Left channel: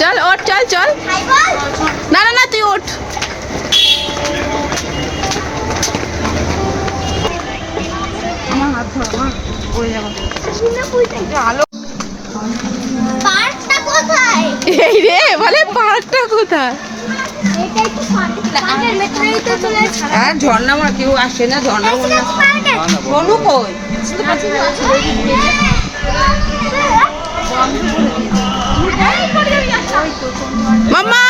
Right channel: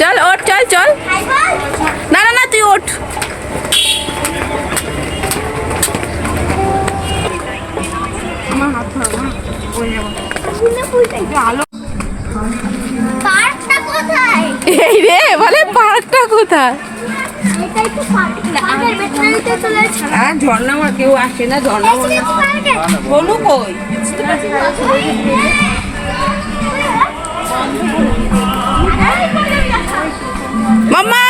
চল ওঠ, চল চল। না না না, তুই ওঠ। এই রে বলে পার্কটা কোথায়? হ্যাঁ, ঝর্ণা আমার কেউ আসে না, ঝর্ণা বলু কই? মাম্মা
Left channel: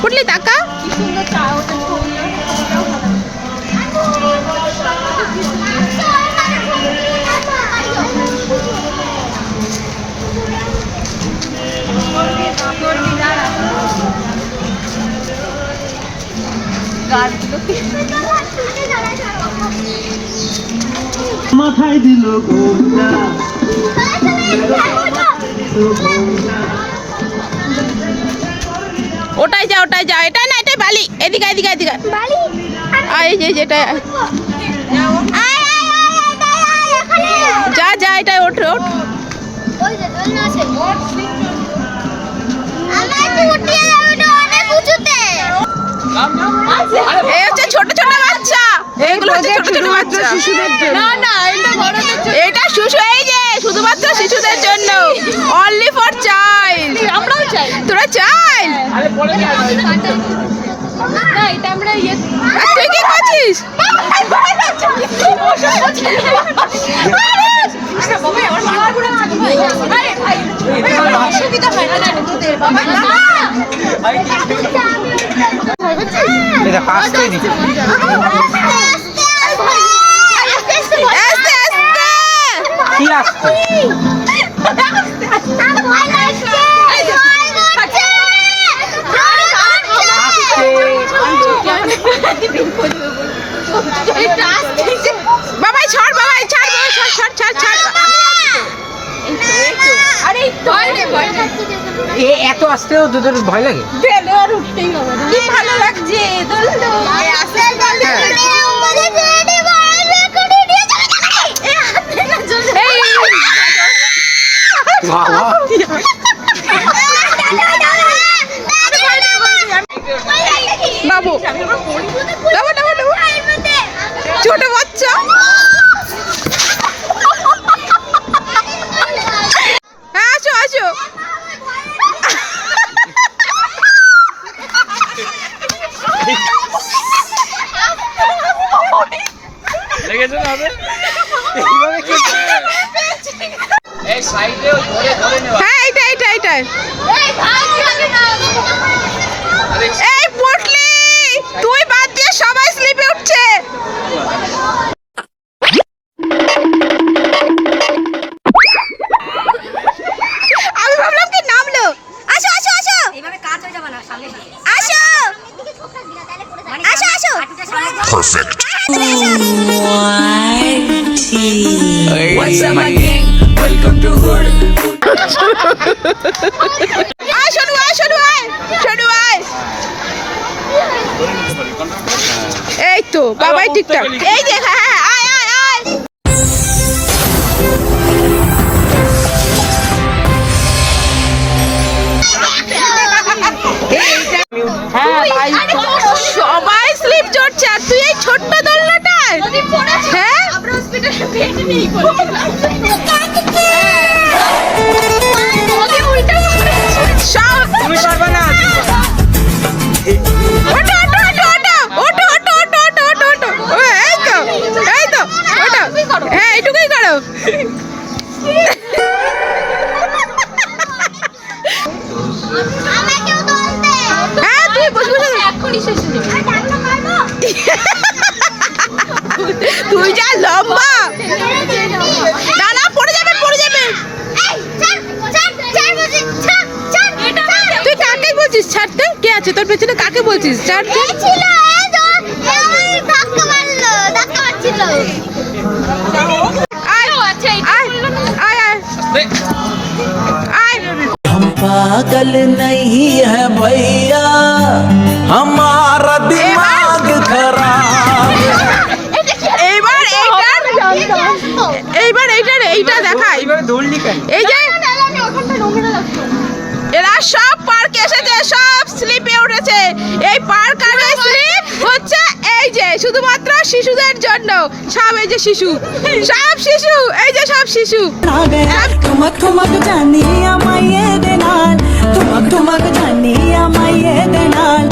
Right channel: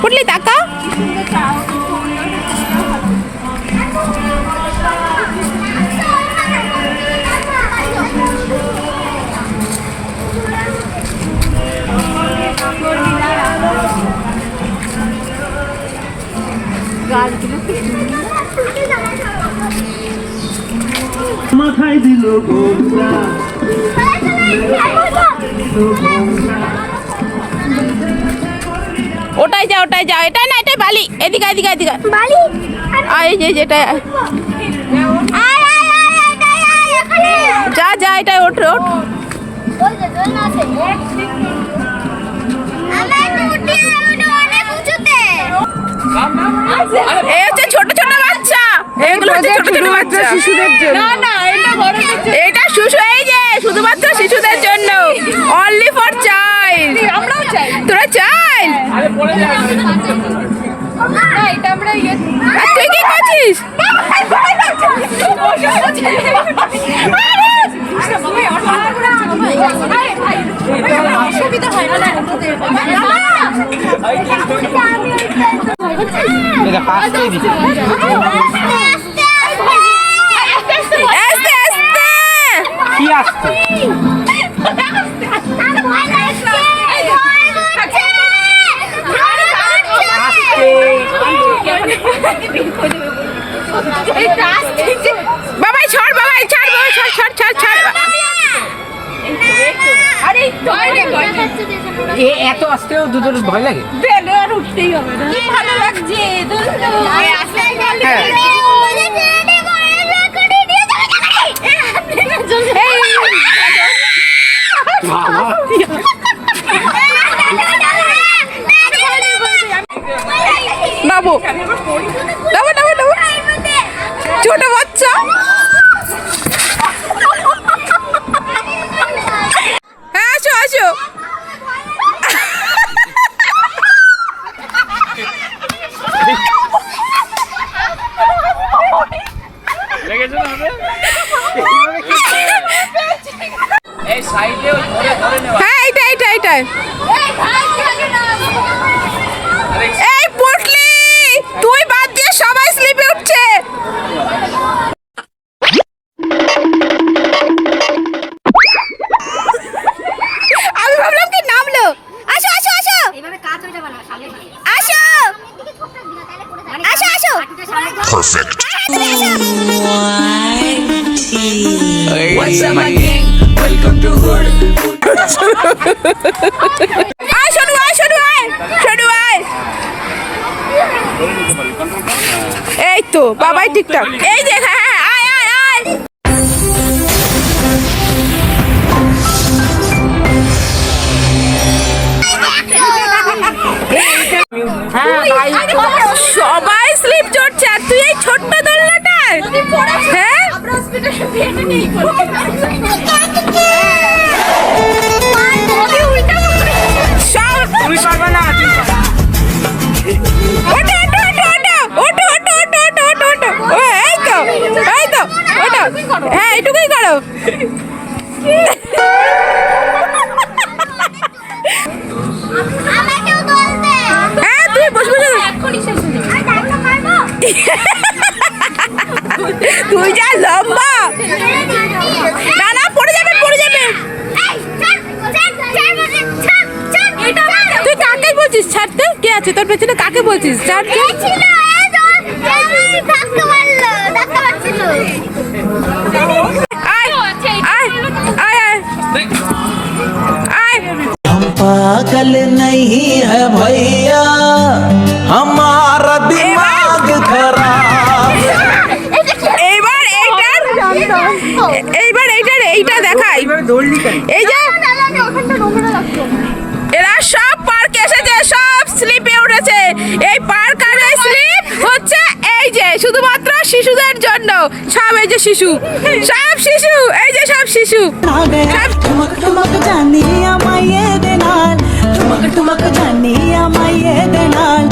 পুটলি টাকা মাথায় দিল ওটাই যা, ওটাই যা। এটাই না, এটাই বালি। এদিকে এদিকে এদিকে এই যে যেটা যা যা, এটাই ওঠ ওঠ। এই হচ্ছে ছোট ছোট বাচ্চা, এগুলো হচ্ছে ছোট ছোট বাচ্চা শিশুদের জন্য। না না, এটা শিশু, এই যে শুধুমাত্র শিশুদের জন্য, অনলি ফর চাইল্ড। আমরাও চাই, তোরা চাইল্ড। তুই কি করছিস? কি আসছে? বাবাই ছাড়, বাবাই ছাড়, ছাড় ছাড় ছাড় ছাড়। এত আসতেও দুধের ভয় লাগে। উঠতেই হবে না, কি ভালো লাগছে। বাবু ছোট বাচ্চা। হ্যাঁ, আসো আসো। এই সাইডে ধরে ধরে নেওয়া। হ্যাঁ, এইটা এইটা এইটা। এই পুটলি, তুই বাদ দিয়ে সবাই স্লিপে উঠছে। আমি ভাবলাম কি নামলো। আসো আসো আসো, আসো আসো আসো। Perfect. What's up again? Welcome to Hood. আয় শোনো, আয় শোনো, আয় শোনো, আয়। এই তো বাবাই টিকটক। এই যে হ্যাঁ হ্যাঁ, আয় আয় আয়। সবাই স্লিপ চড়ছে আর তুই এই ছোট্ট দোলনাটায়। হ্যাঁ, হ্যাঁ এইটুকুই করো। হ্যাঁ, তুই বস বস। তুই যা লম্বা। না না, পড়ে যাবে পড়ে যাবে। তুই কাকে বলছিস ছাড়তে? কে আছে তোর পেছনে? কাকে বলছিস ছাড়তে? अकल नहीं है भैया हमारा दिमाग खराब। এইটা দেখাই। দৌড়লি কেন? এই যে এরা সব পার্কে এসেছে, সব স্লিপে উঠেছে। এই পার্ক আর এই স্লিপ হচ্ছে এই যে শুধুমাত্র শিশুদের জন্য। সব এই যে শিশু, সব শিশু, এই যে সব শিশু। ठुमक ठुमक जानिया माये दे नाल ठुमक ठुमक जानिया माये दे नाल